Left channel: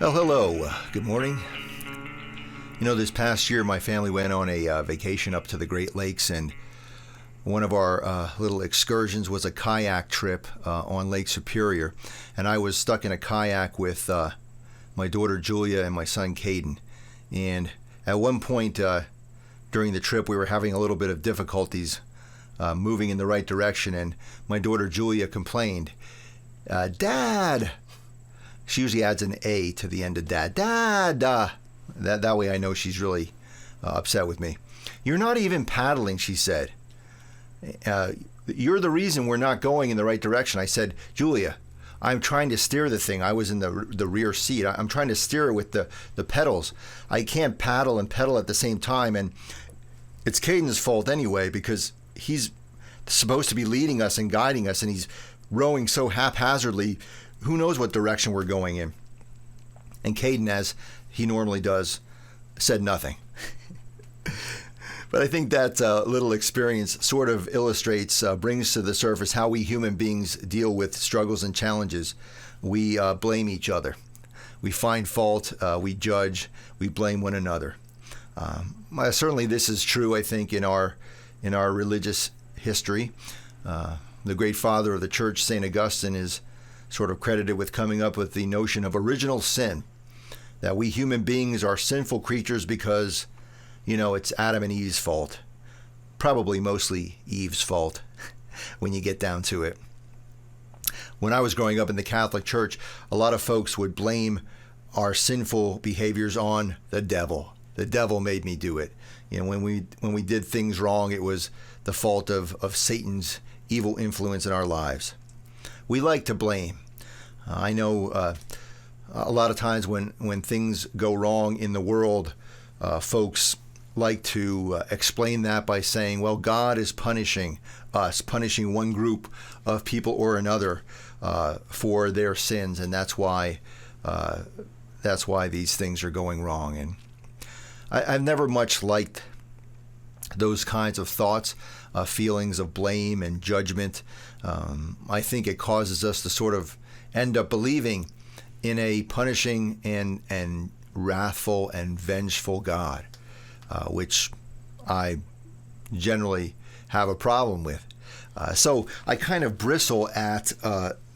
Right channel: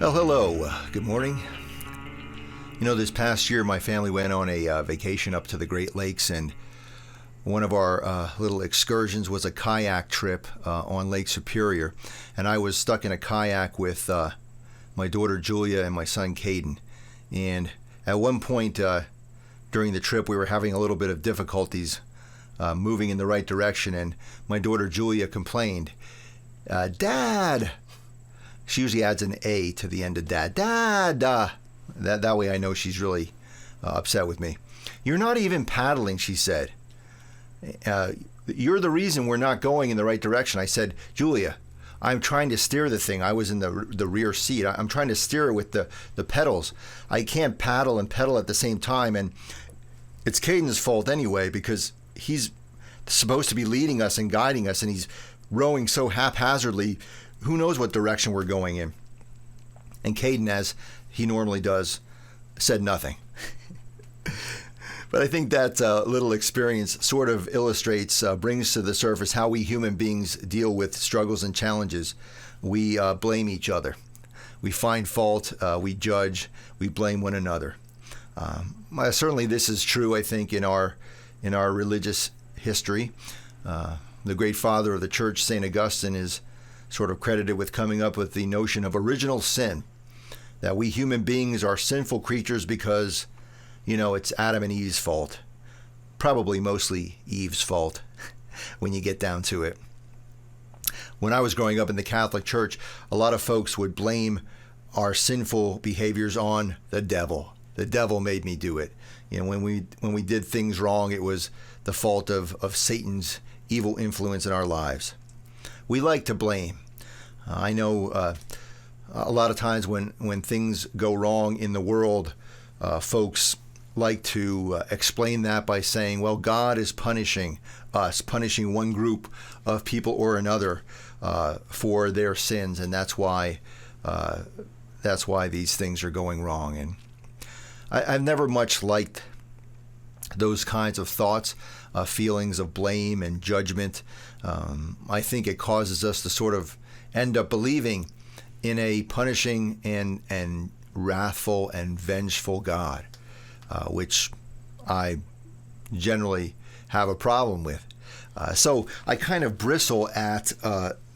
Well, hello. Good morning. This past year, my family went on a vacation up to the Great Lakes, and one of our little excursions was a kayak trip on Lake Superior. And I was stuck in a kayak with my daughter Julia and my son Caden. And at one point during the trip, we were having a little bit of difficulties moving in the right direction, and my daughter Julia complained, "Dad!" She usually adds an A to the end of dad. Dad! That way I know she's really upset with me. "You're not even paddling," she said. "You're the reason we're not going in the right direction." I said, "Julia, I'm trying to steer the thing." I was in the rear seat. I'm trying to steer it with the pedals. I can't paddle and pedal at the same time. And it's Caden's fault anyway, because he's supposed to be leading us and guiding us, and he's rowing so haphazardly. Who knows what direction we're going in? And Caden, as he normally does, said nothing. But I think that little experience sort of illustrates, brings to the surface how we human beings deal with struggles and challenges. We blame each other. We find fault, we judge, we blame one another. Certainly this is true, I think, in our religious history. The great father of the church, St. Augustine, is sort of credited with coming up with the notion of original sin, that we human beings are sinful creatures because, it's Adam and Eve's fault. Probably mostly Eve's fault when you get down to it. When I was growing up in the Catholic Church, a lot of folks would blame our sinful behaviors on the devil. The devil made me do it. When we did things wrong, it was the fault of Satan's evil influence in our lives. We like to blame. I know a lot of times when things go wrong in the world, folks like to explain that by saying, well, God is punishing us, punishing one group of people or another for their sins, and that's why these things are going wrong. And I've never much liked those kinds of thoughts, feelings of blame and judgment. I think it causes us to sort of end up believing in a punishing and wrathful and vengeful God, which I generally have a problem with. So I kind of bristle at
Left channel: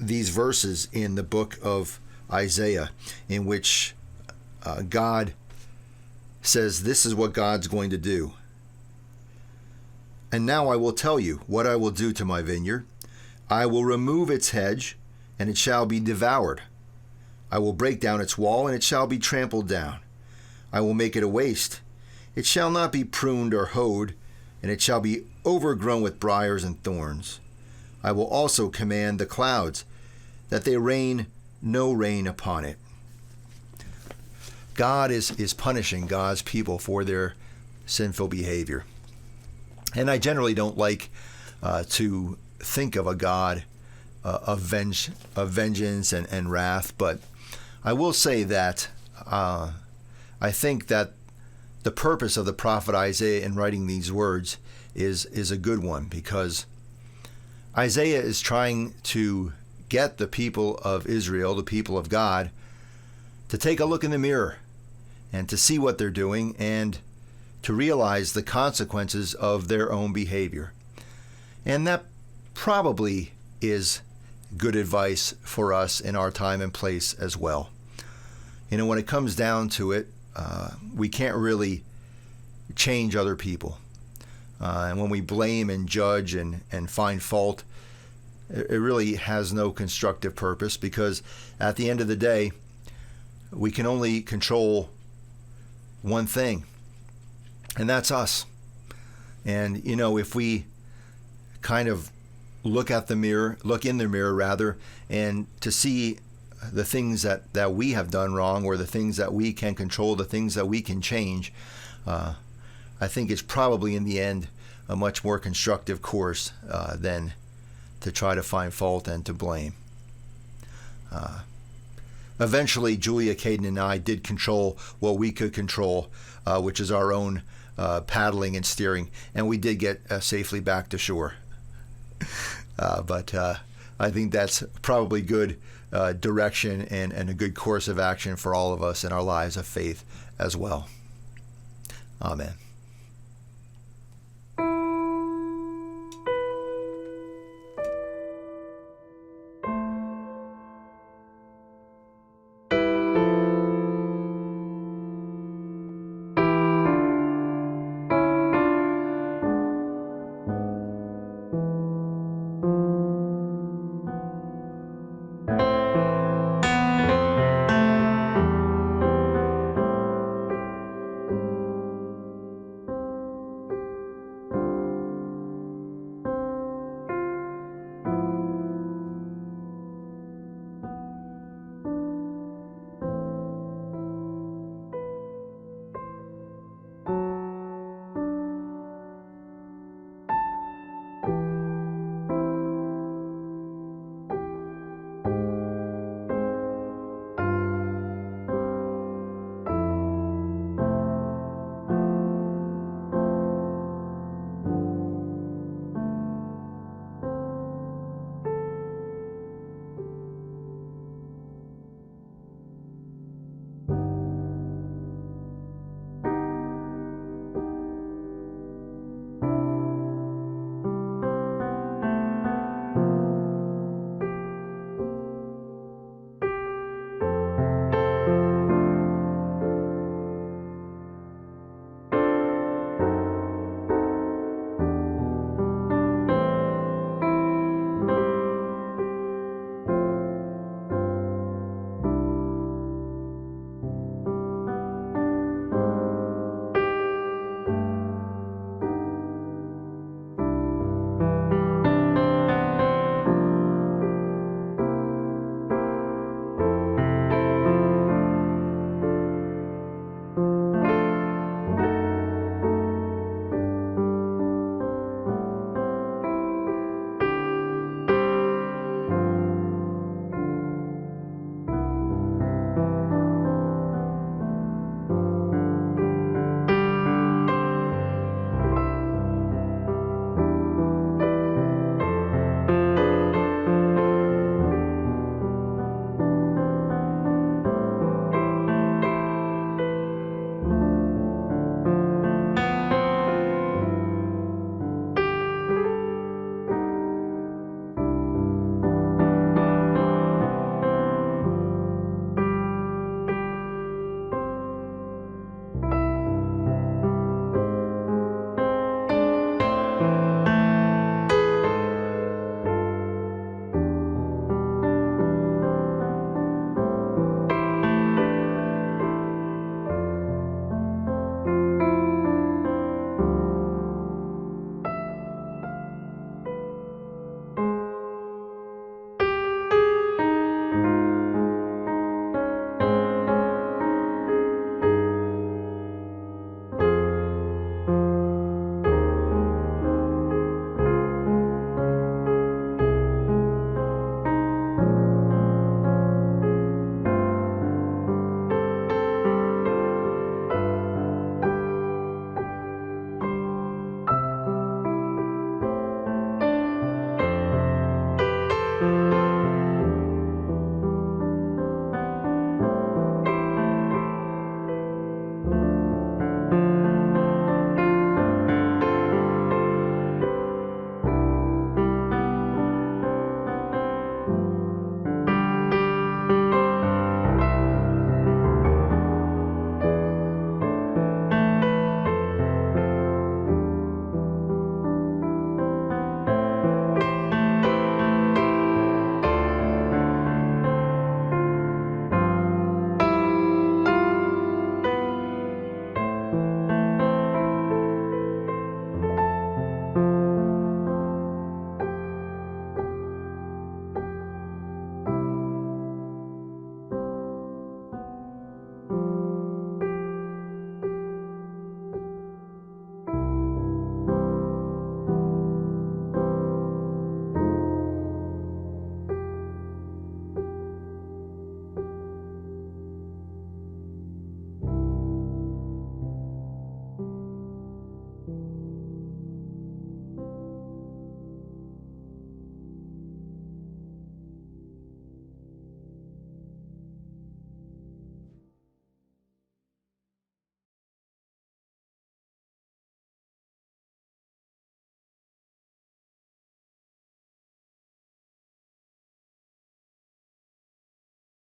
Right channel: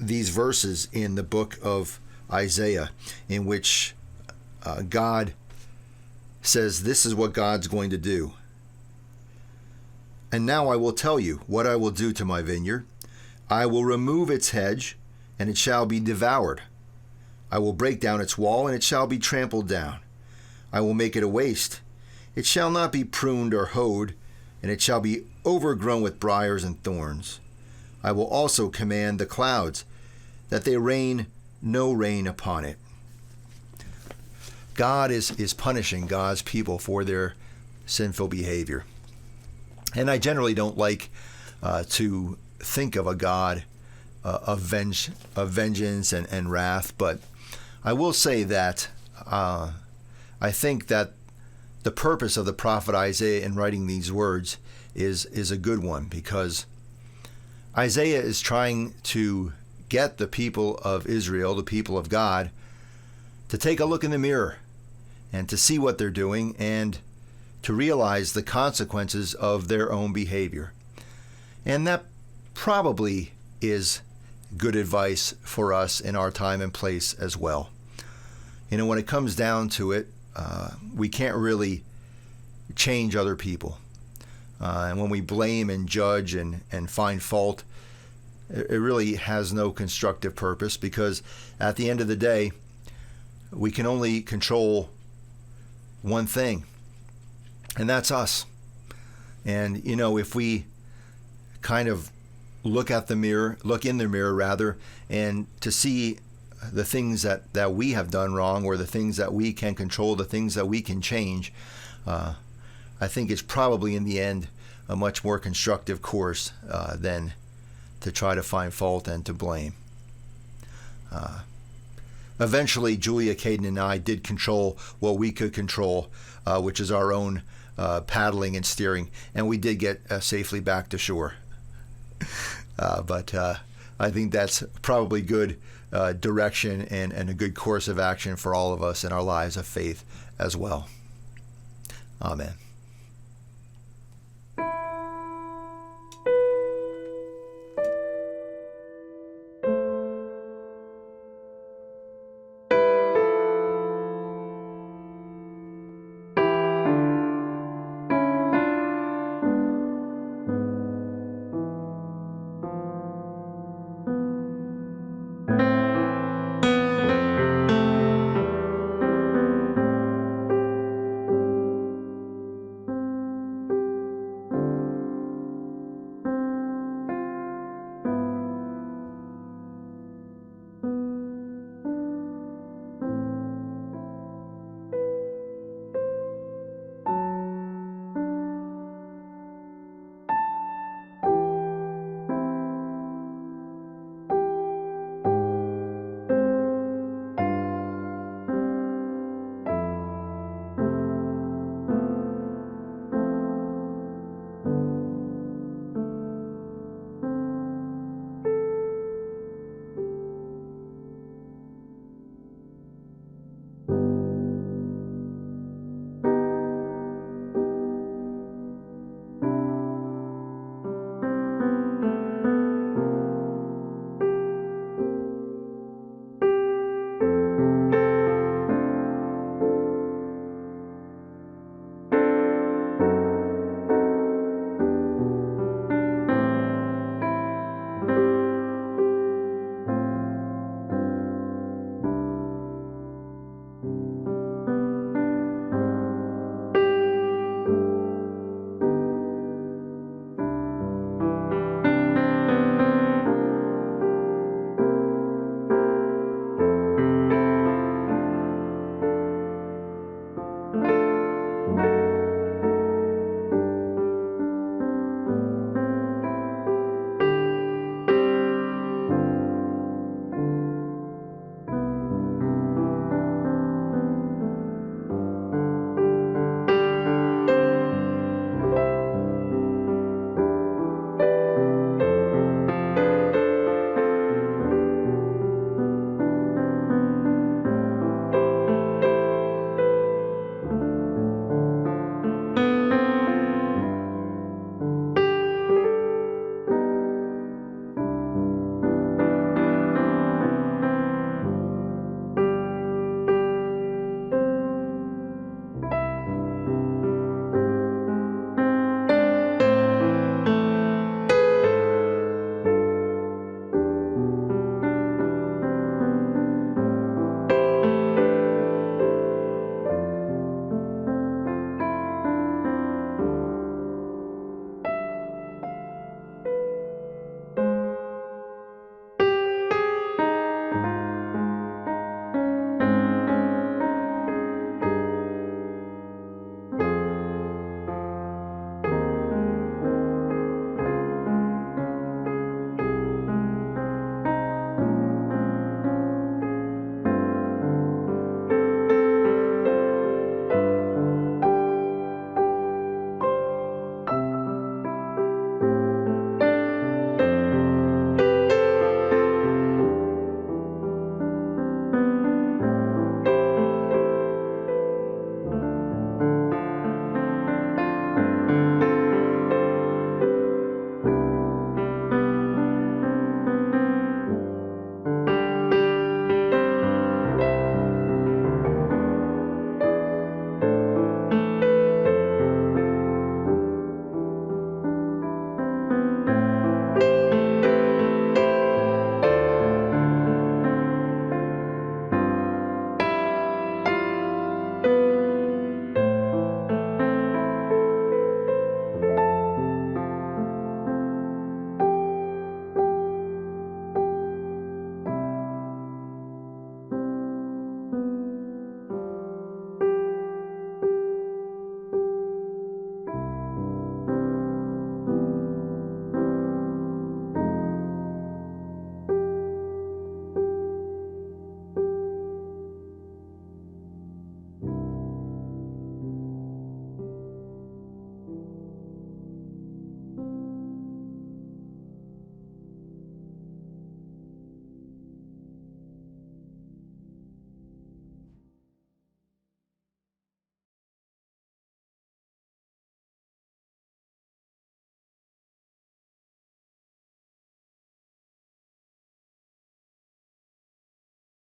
these verses in the book of Isaiah, in which God says this is what God's going to do. "And now I will tell you what I will do to my vineyard. I will remove its hedge, and it shall be devoured. I will break down its wall, and it shall be trampled down. I will make it a waste. It shall not be pruned or hoed, and it shall be overgrown with briars and thorns. I will also command the clouds, that they rain no rain upon it." God is punishing God's people for their sinful behavior. And I generally don't like to think of a God of vengeance and wrath, but I will say that I think that the purpose of the prophet Isaiah in writing these words is a good one, because Isaiah is trying to get the people of Israel, the people of God, to take a look in the mirror and to see what they're doing and to realize the consequences of their own behavior. And that probably is good advice for us in our time and place as well. When it comes down to it, we can't really change other people. And when we blame and judge and find fault, it really has no constructive purpose, because at the end of the day, we can only control one thing, and that's us. And, if we kind of look in the mirror rather, and to see the things that we have done wrong, or the things that we can control, the things that we can change, I think it's probably in the end a much more constructive course than to try to find fault and to blame. Eventually, Julia, Caden, and I did control what we could control, which is our own paddling and steering, and we did get safely back to shore. But I think that's probably good direction and a good course of action for all of us in our lives of faith as well. Amen.